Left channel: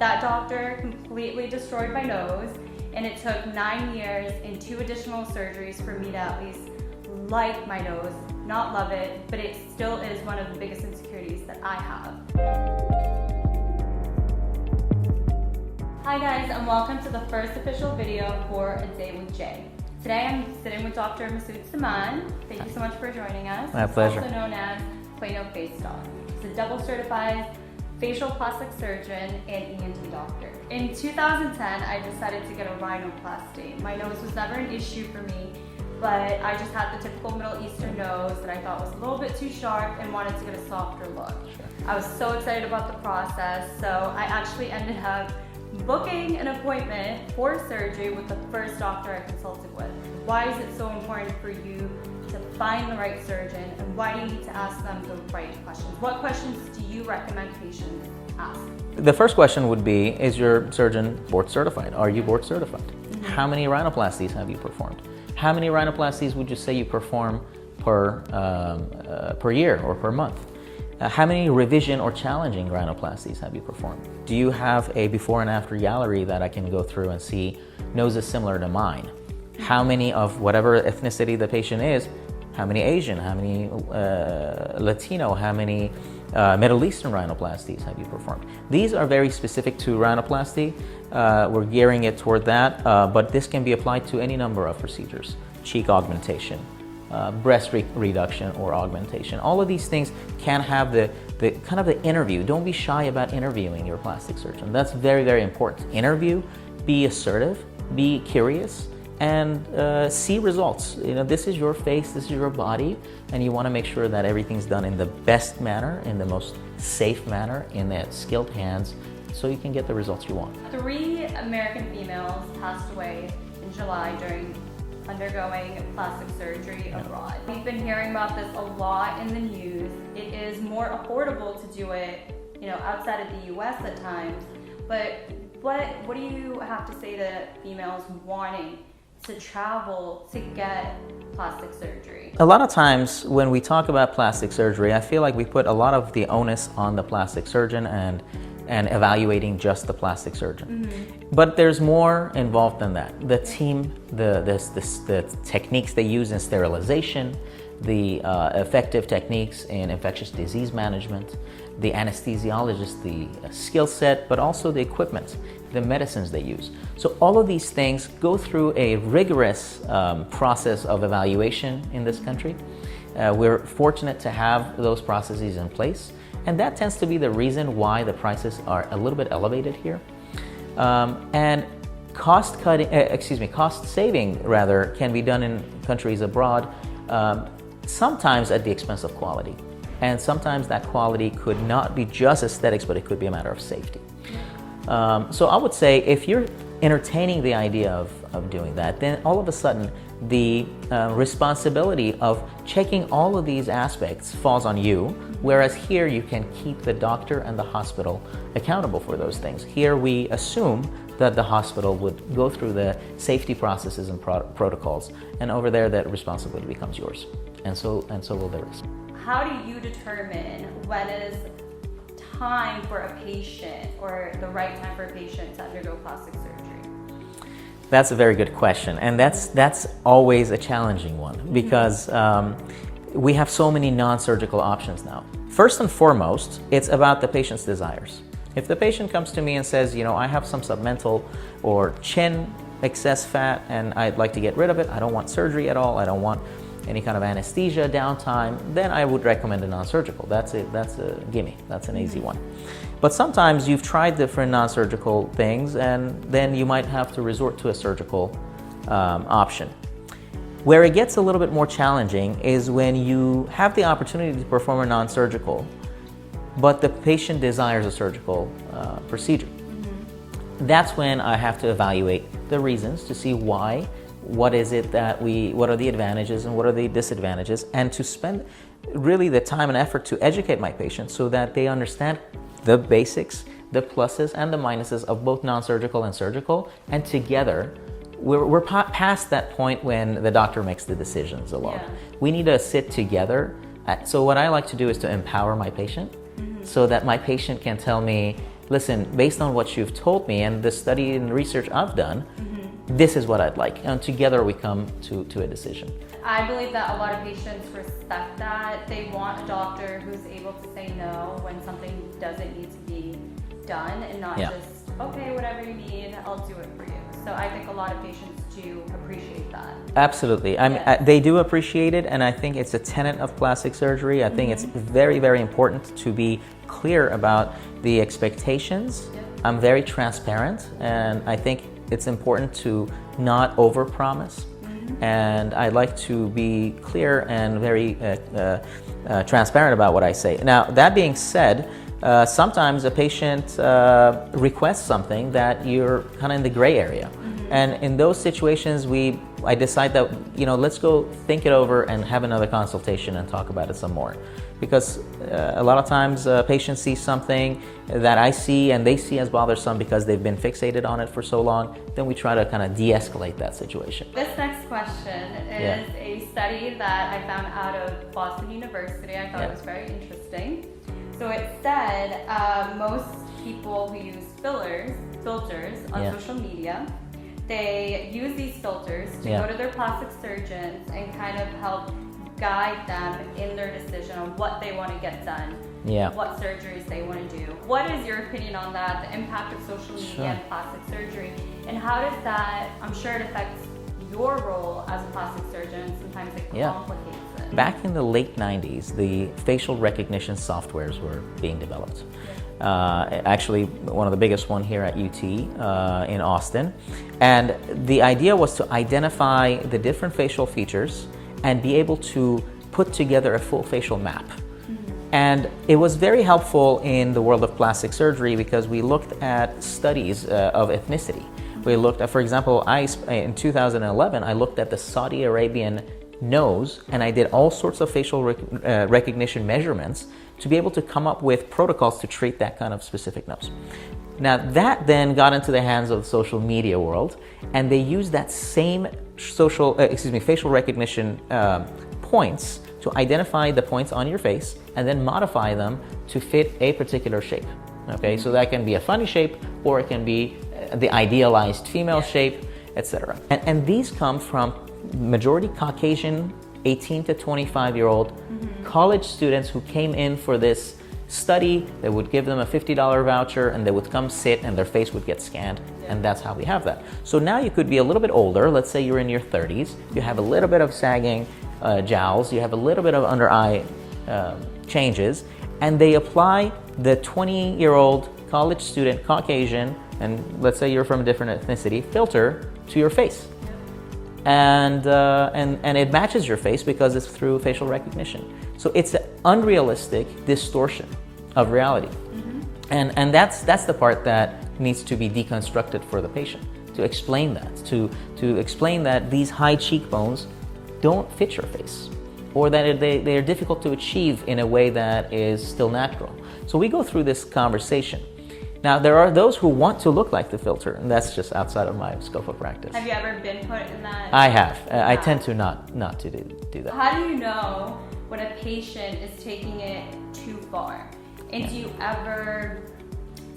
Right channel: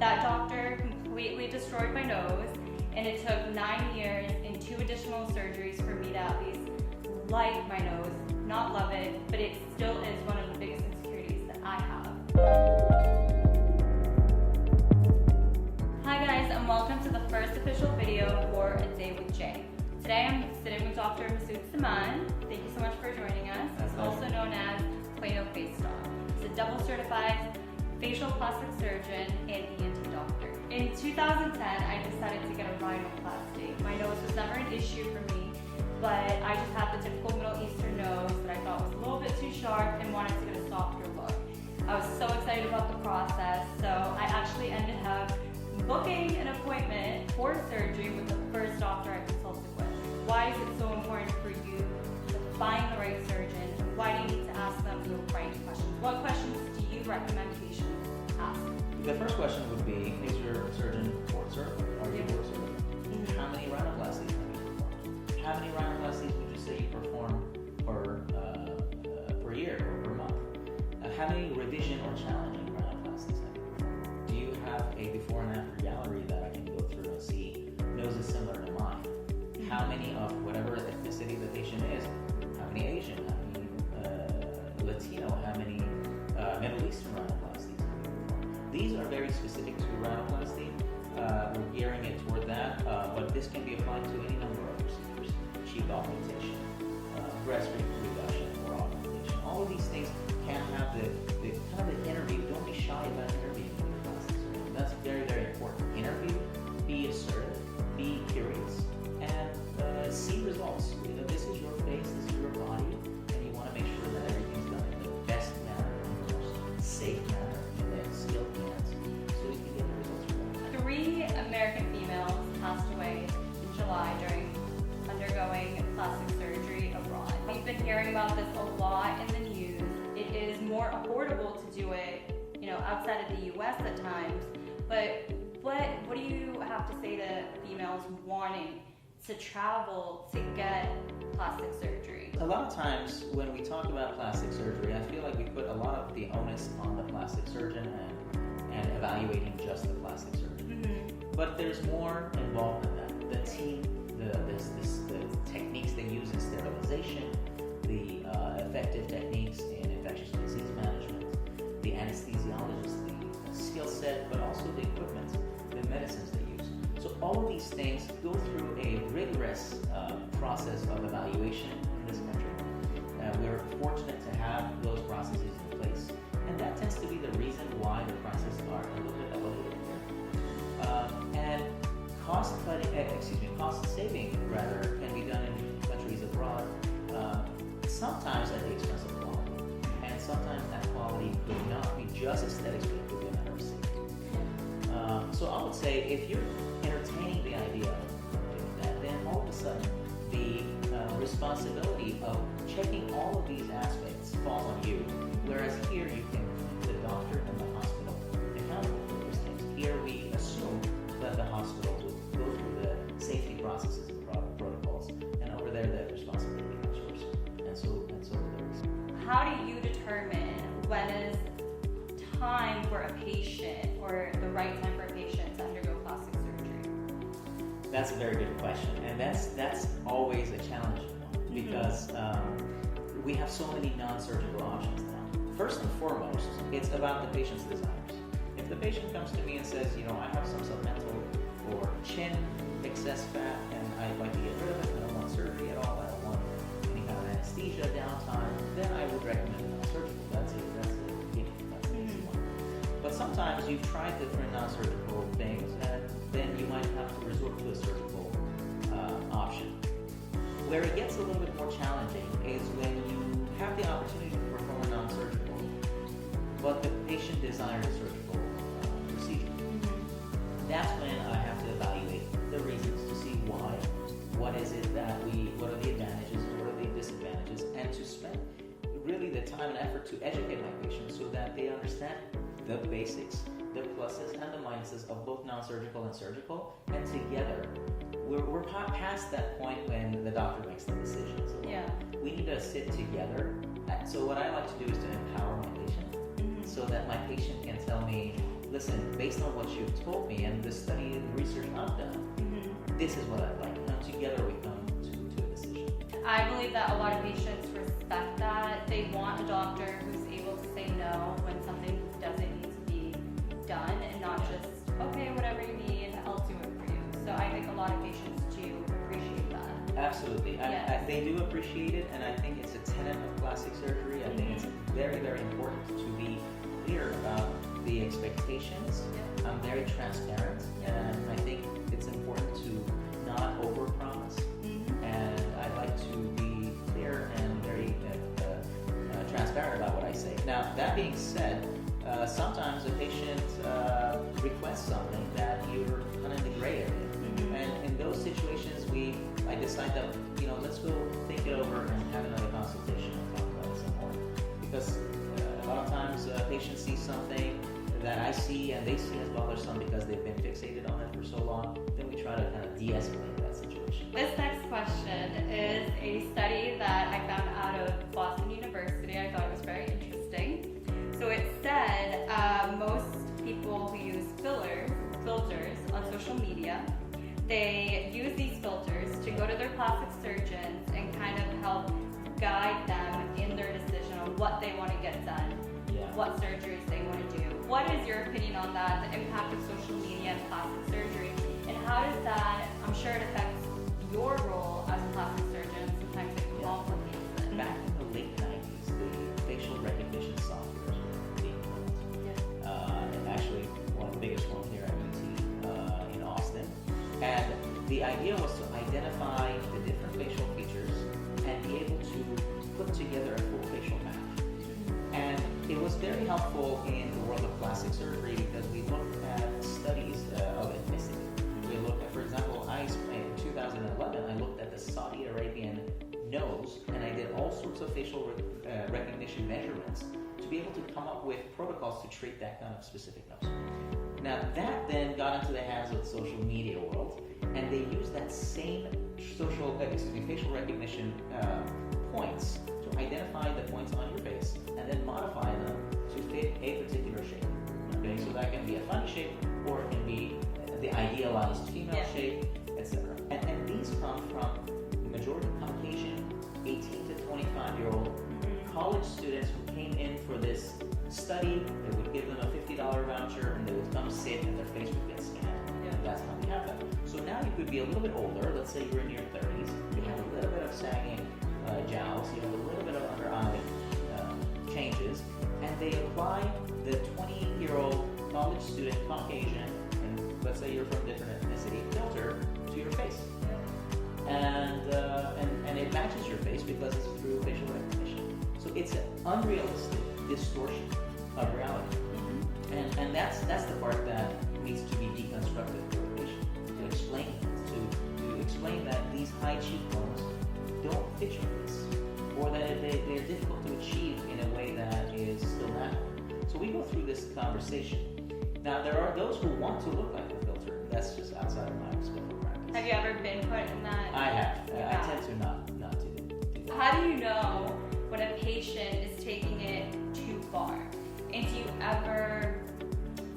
That doctor completely destroyed my nose, and it took 9 years and 2 additional surgeries for me to at least like my nose, not love it, but it still is one of the biggest insecurities that I have. Hi guys, and welcome to the first official video for A Day with Jay. Today I'm sitting with Dr. Saman. Thank you so much for joining us. My pleasure. He's also known as Quaino Face Doc. He's a double certified facial plastic surgeon and ENT doctor. In 2010, I decided to get a rhinoplasty. My nose was never an issue for me, but I just had the typical Middle Eastern nose that I thought was a little bit too sharp and wanted to get a softer look. I was so excited about the process, so I actually ended up booking an appointment for surgery with the first doctor I consulted with. Why is it so important for you to find the right surgeon, and why do you need to ask them the right questions? What questions do you recommend patients ask? The first question would be, is your surgeon board certified? Are you board certified? How many rhinoplasties have you performed? How many rhinoplasties would you say you perform per year or per month? How many revision or challenging rhinoplasties have you performed? Do you have a before and after gallery that I can go through and see noses similar to mine? How many of whatever ethnicity the patient is, how many Asian, how many Latino, how many Middle Eastern rhinoplasties have you performed? These are very specific to rhinoplasty. We're gearing it toward that, but this can be applied to any number of procedures. Cheek augmentation, breast reduction or augmentation. All of these things can have the kind of the interview. Don't be shy about interviewing your plastic surgeon. That's very, very important. Interview, be assertive, be curious, and see results. You know, this is your face, this is your body, and you want to make sure that everything's done in the best manner, in the most safe manner, in the skilled hands, so you can get the results you want. 3 American females passed away in July during undergoing plastic surgery abroad. We've been hearing about this a lot in the news. It is more affordable to do it, outside of the US at times, but what do you have to say to females wanting to travel to get plastic surgery? A lot of times when we talk about plastic surgery, I feel like we put a lot of the onus on the plastic surgeon and evaluating just the plastic surgeon. Mm-hmm. But there's more involved than that. The team, the techniques they use in sterilization, the effective techniques in infectious disease management, the anesthesiologist, the skill set, but also the equipment, the medicines they use. So all of these things go through a rigorous process of evaluation in this country. We're fortunate to have those processes in place, and that tends to be the reason why the prices are a little bit elevated here. And cost saving rather can be done in countries abroad, sometimes at the expense of quality. And sometimes that quality could not be just aesthetics, but it could be a matter of safety. So I would say if you're entertaining the idea of doing that, then all of a sudden the responsibility of checking all of these aspects falls on you, whereas here you can keep the doctor and the hospital accountable for those things. Here we assume that the hospital would go through the safety processes and protocols, and over there that responsibility becomes yours, and so will the rest. How do you determine when it is time for a patient, or the right time for a patient to undergo plastic surgery? That's a very good question, and that's always a challenging one because we have so many non-surgical options now. First and foremost, it's about the patient's desires. If the patient comes to me and says, I have some submental or chin excess fat and I'd like to get rid of it, I don't want surgery at all, I don't want any kind of anesthesia, downtime, then I would recommend a non-surgical. That's a gimme, that's an easy one. But sometimes you've tried different non-surgical things and then you might have to resort to a surgical option. Where it gets a little bit more challenging is when you have the opportunity to perform a non-surgical, but the patient desires a surgical procedure. That's when I have to evaluate the reasons to see why, what are the advantages and what are the disadvantages, and to spend really the time and effort to educate my patients so that they understand the basics, the pluses and the minuses of both non-surgical and surgical, and together we're past that point when the doctor makes the decisions alone. Yeah. We need to sit together. So what I like to do is to empower my patient so that my patient can tell me, listen, based on what you've told me and the study and research I've done, this is what I'd like. And together we come to a decision. I believe that a lot of patients respect that. They want a doctor who's able to say no when something doesn't need to be done, and not just, okay, whatever you need, I'll do it for you. So I think a lot of patients do appreciate that. Absolutely. They do appreciate it, and I think it's a tenet of plastic surgery. I think it's very, very important to be clear about the expectations. I'm very transparent, and I think it's important to not overpromise. And I like to be clear and very transparent about what I say. Now, that being said, sometimes a patient requests something that you're kind of in the gray area. And in those situations, I decide that, let's go think it over and have another consultation and talk about it some more. Because a lot of times patients see something that I see and they see as bothersome because they've been fixated on it for so long, then we try to kind of de-escalate that situation. This next question is a study that I found out of Boston University. I thought it was very interesting. So it said most people who use filters on social media, they use these filters to go to their plastic surgeons and kind of help guide them in their decision on what they want to get done, what surgeries they want to do. What is your opinion on that, the impact of social media and plastic surgery, and how does that, I'm sure it affects your role as a plastic surgeon, sometimes it complicates it. Back in the late 90s, the facial recognition softwares were being developed. Actually, one of the biggest one here at UT in Austin. And the idea was to identify the different facial features and be able to put together a full facial map. And it was very helpful in the world of plastic surgery because we looked at studies of ethnicity. We looked at, for example, in 2011, I looked at the Saudi Arabian nose, and I did all sorts of facial recognition measurements to be able to come up with protocols to treat that kind of specific nose. Now that then got into the hands of the social media world, and they used that same facial recognition points to identify the points on your face and then modify them to fit a particular shape. Okay, so that can be a funny shape, or it can be the idealized female shape, etc. And these come from majority Caucasian, 18 to 25-year-old college students who came in for this study. They would give them a $50 voucher and they would come sit and their face would get scanned, and that's how we have that. So now you could be a little bit older, let's say you're in your 30s, you have a little bit of sagging jowls, you have a little bit of under eye changes, and they apply the 20-year-old college student, Caucasian, and let's say you're from a different ethnicity, filter to your face. And it matches your face because it's through facial recognition. So it's an unrealistic distortion of reality. And that's the part that needs to be deconstructed for the patient, to explain that, to explain that these high cheekbones don't fit your face, or that they're difficult to achieve in a way that is still natural. So we go through this conversation. Now, there are those who want to look like the filter, and that's just outside of my scope of practice. Have you ever been put in that? I have. I tend to not to do that. How do you know when a patient is taking it too far? And do you ever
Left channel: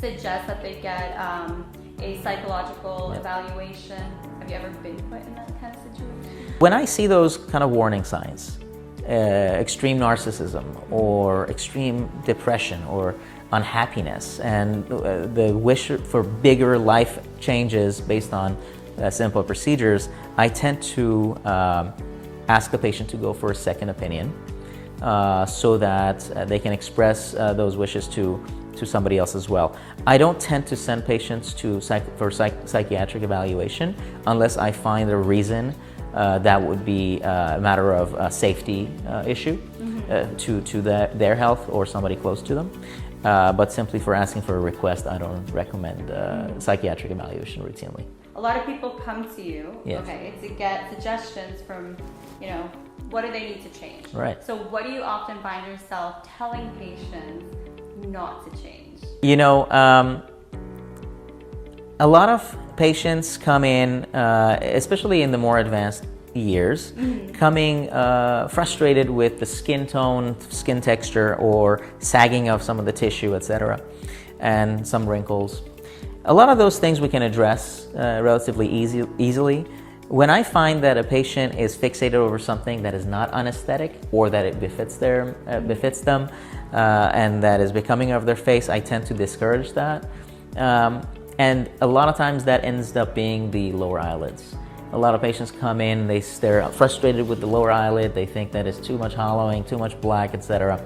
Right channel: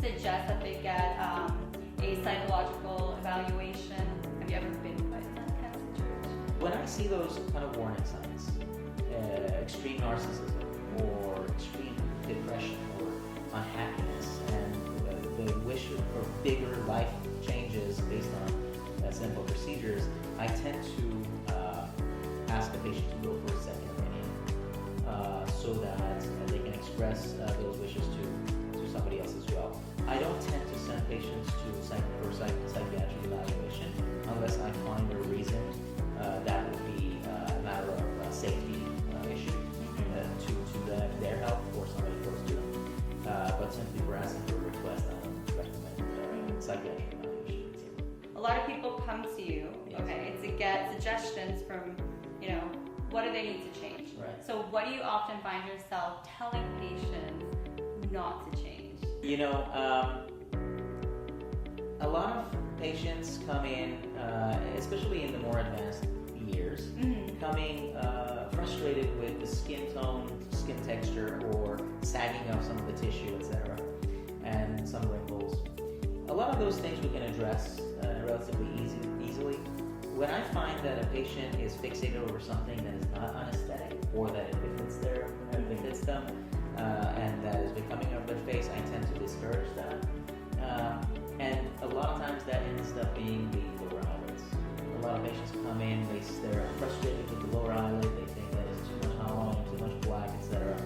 suggest that they get a psychological evaluation? Have you ever been put in that kind of situation? When I see those kind of warning signs, extreme narcissism or extreme depression or unhappiness and the wish for bigger life changes based on simple procedures, I tend to ask the patient to go for a second opinion so that they can express those wishes to somebody else as well. I don't tend to send patients for psychiatric evaluation unless I find a reason that would be a matter of a safety issue to their health or somebody close to them. But simply for asking for a request, I don't recommend psychiatric evaluation routinely. A lot of people come to you, Yes. okay, to get suggestions from, what do they need to change? Right. So what do you often find yourself telling patients not to change? A lot of patients come in, especially in the more advanced years, coming frustrated with the skin tone, skin texture, or sagging of some of the tissue, etc. and some wrinkles. A lot of those things we can address relatively easily. When I find that a patient is fixated over something that is not anesthetic or that it befits them and that is becoming of their face, I tend to discourage that. And a lot of times that ends up being the lower eyelids. A lot of patients come in, they're frustrated with the lower eyelid, they think that it's too much hollowing, too much black, etc.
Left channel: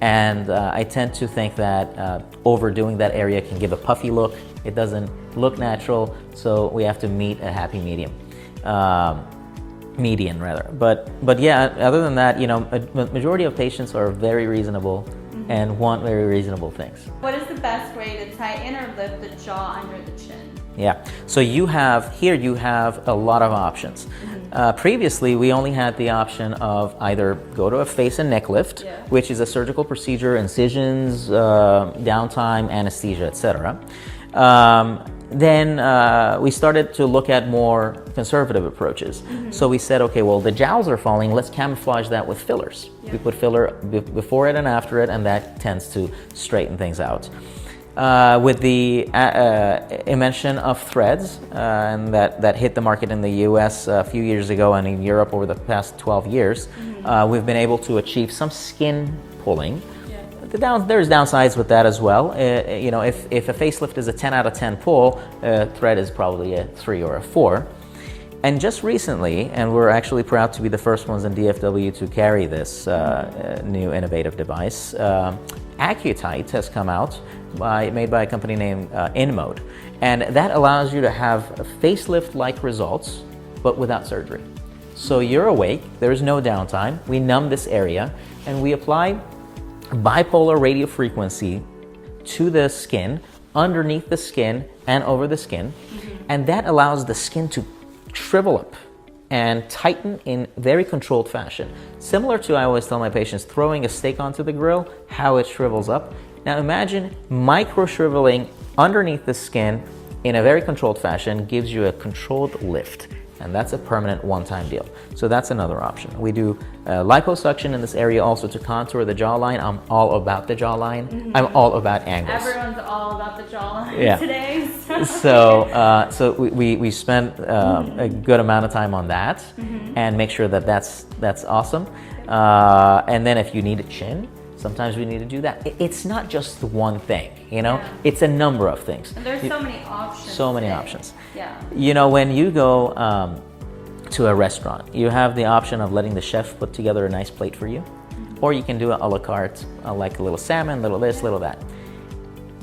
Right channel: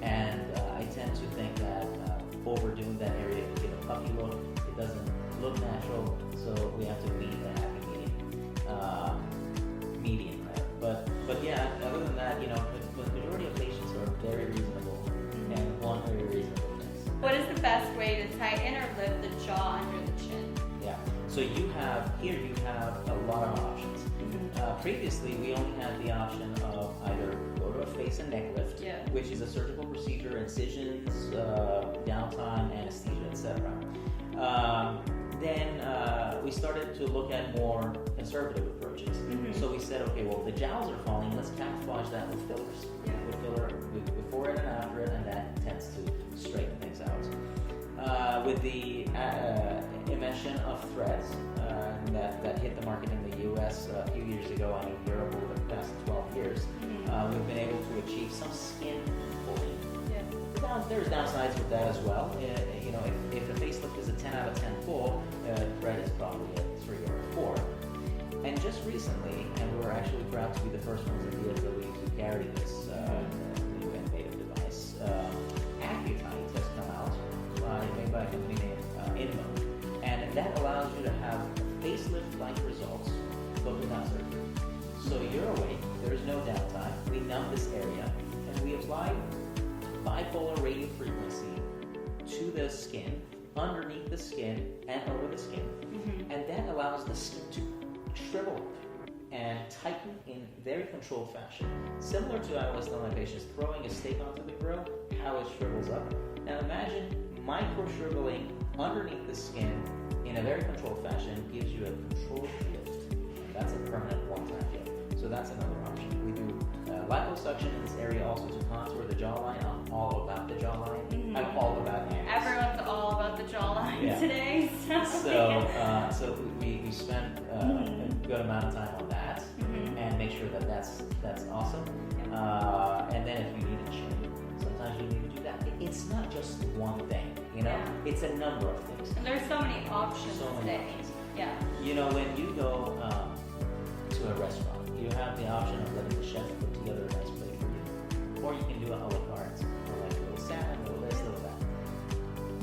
And I tend to think that overdoing that area can give a puffy look. It doesn't look natural, so we have to meet a happy medium. Median rather. But yeah, other than that, you know, a majority of patients are very reasonable and want very reasonable things. What is the best way to tighten or lift the jaw under the chin? Yeah, so you have a lot of options. Previously, we only had the option of either go to a face and neck lift, which is a surgical procedure, incisions, downtime, anesthesia, etc. Then we started to look at more conservative approaches. So we said, okay, well, the jowls are falling, let's camouflage that with fillers. We put filler before it and after it, and that tends to straighten things out. With the invention of threads, and that hit the market in the US a few years ago and in Europe over the past 12 years, we've been able to achieve some skin pulling. There's downsides with that as well. You know, if a facelift is a 10 out of 10 pull, thread is probably a 3 or a 4. And just recently, and we're actually proud to be the first ones in DFW to carry this new innovative device, Accutite has come out, made by a company named InMode. And that allows you to have facelift-like results, but without surgery. So you're awake, there's no downtime, we numb this area, and we apply bipolar radio frequency to the skin, underneath the skin and over the skin, and that allows the skin to shrivel up and tighten in very controlled fashion. Similar to, I always tell my patients, throwing a steak onto the grill, how it shrivels up. Now imagine micro shriveling underneath the skin in a very controlled fashion gives you a controlled lift. And that's a permanent one-time deal. So that's another option. We do liposuction in this area also to contour the jawline. I'm all about the jawline. I'm all about angles. Everyone's all about the jawline today. So we spent a good amount of time on that and make sure that that's awesome. And then if you need a chin, sometimes we need to do that. It's not just one thing, you know? It's a number of things. And there's so many options. So many options. Yeah. You know, when you go to a restaurant, you have the option of letting the chef put together a nice plate for you, or you can do it a la carte, like a little salmon, little this, little that.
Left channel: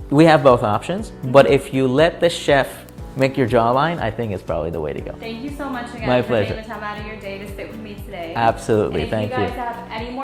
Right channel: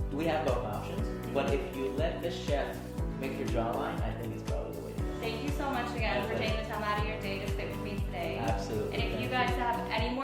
We have both options, but if you let the chef make your jawline, I think it's probably the way to go. Thank you so much again My for pleasure. taking the time out of your day to sit with me today. Absolutely, and thank you. If you guys have any more